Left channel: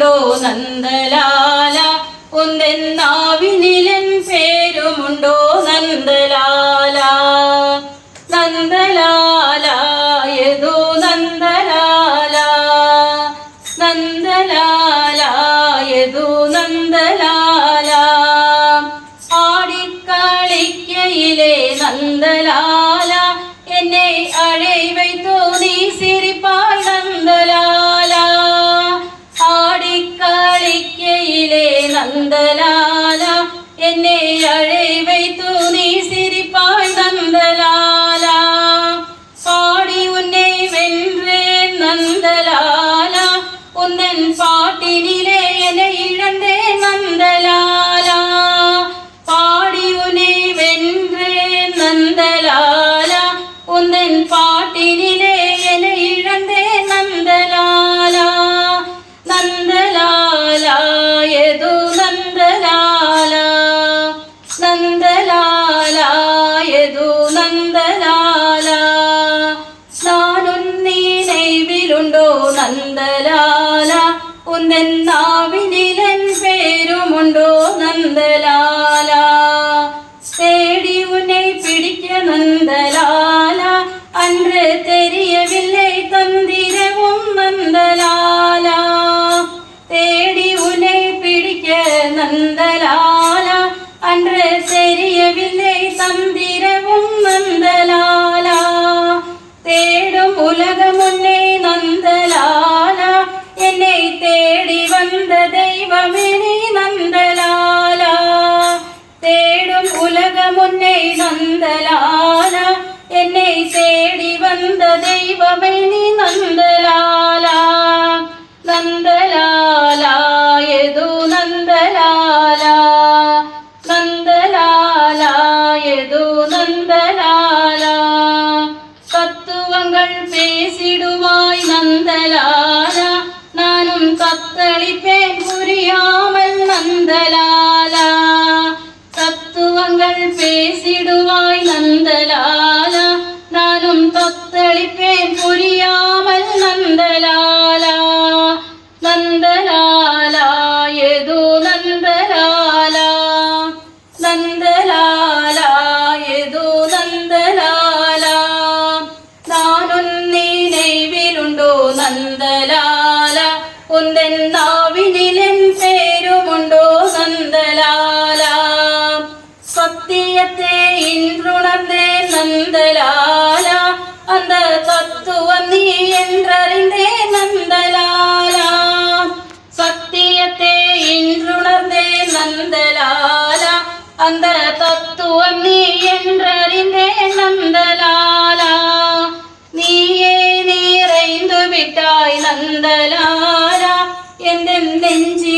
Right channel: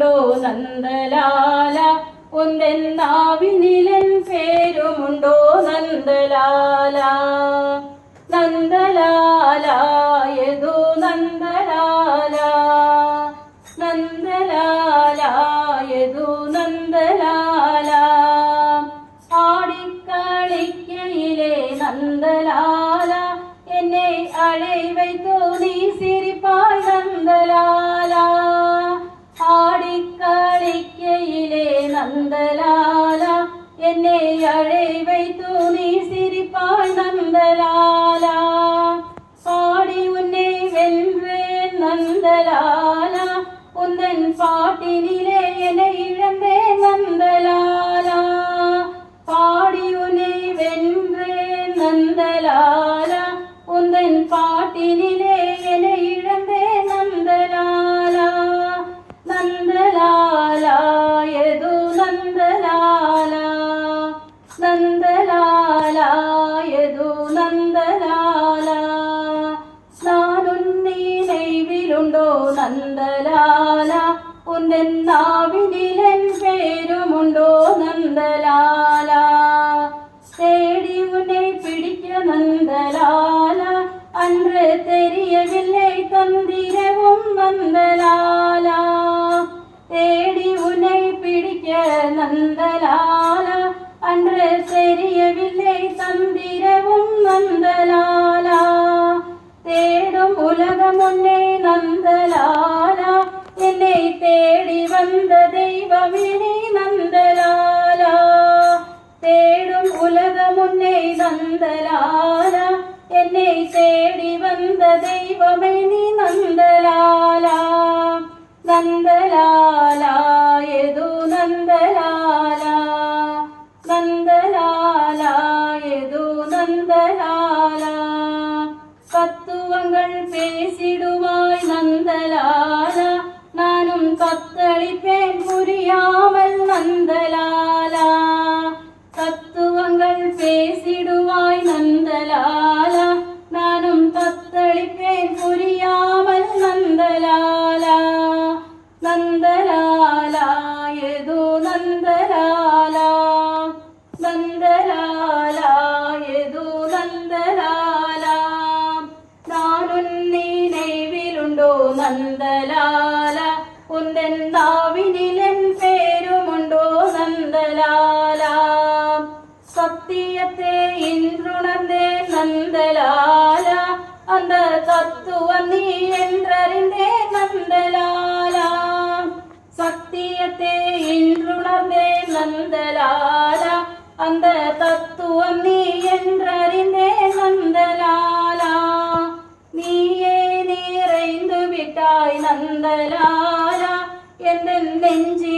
പേരുമുണ്ടോ നന്ദലാല ഒന്നെന്നാവിനിലൻ പേരുമുണ്ടോ നന്ദലാല നന്ദലാല യദോ നന്ദലാല നന്ദലാല യദോ നന്ദലാല ആടിക്കളിക്കയിലെ നന്ദലാല എന്നെ അഴൈവൈത്തോ നീ സിരിപ്പായ് നന്ദലാല ആടിക്കളിക്കയിലെ നന്ദലാല എന്നെ അഴൈവൈത്തോ നീ സിരിപ്പായ് നന്ദലാല പാടി ഉന്നെ വെன்றേ നന്ദലാല ഉന്നൻ പാട്ടിനിലെ എന്നെ ഇഴந்தே നന്ദലാല പാടി ഉന്നെ വെன்றേ നന്ദലാല ഉന്നൻ പാട്ടിനിലെ എന്നെ ഇഴந்தே നന്ദലാല നന്ദലാല യദോ നന്ദലാല നന്ദലാല യദോ നന്ദലാല നാനുന്നീ നെയ്വിലുണ്ടോ നന്ദലാല ഒന്നെന്നാവിനിലൻ പേരുമുണ്ടോ നന്ദലാല തേടി ഉന്നെ പിടിക്ക നന്ദലാല അன்று தெரியவில்லை தந்திரவும் നന്ദലാല തേടി ഉന്നെ പിടിക്ക നന്ദലാല അன்று தெரியவில்லை தந்திரவும் നന്ദലാല തേടും ഉലകമുന്നേ നന്ദലാല എന്നെ തേടി വന്ന ദൈവമേ നീ നന്ദലാല തേടും ഉലകമുന്നേ നന്ദലാല എന്നെ തേടി വന്ന ദൈവമേ നീ നന്ദലാല നന്ദലാല യദോ നന്ദലാല നന്ദലാല യദോ നന്ദലാല தத்துவங்கள் பேசிடுவாய் நந்தலால நானும் தத்தளிப்பேன் புரியாமல் நந்தலால தத்துவங்கள் பேசிடுவாய் நந்தலால நானும் தத்தளிப்பேன் புரியாமல் நந்தலால நந்தலால யதோ நந்தலால നന്ദലാല യദോ നന്ദലാല നാനുന്നീ നെയ്വിലുണ്ടോ നന്ദലാല ഒന്നെന്നാവിനിലൻ പേരുമുണ്ടോ നന്ദലാല സത്യത്തെ ഇன்றுணர்ந்தே നന്ദലാല அந்த தத்துவம் நீ என்றறிந்தே நந்தலால சத்தியத்தை இன்றுணர்ந்தே நந்தலால அந்த தத்துவம் நீ என்றறிந்தே நந்தலால നീയേ നിറൈന്തു വിട്ടായി നന്ദലാല എന്റെ നെഞ്ചി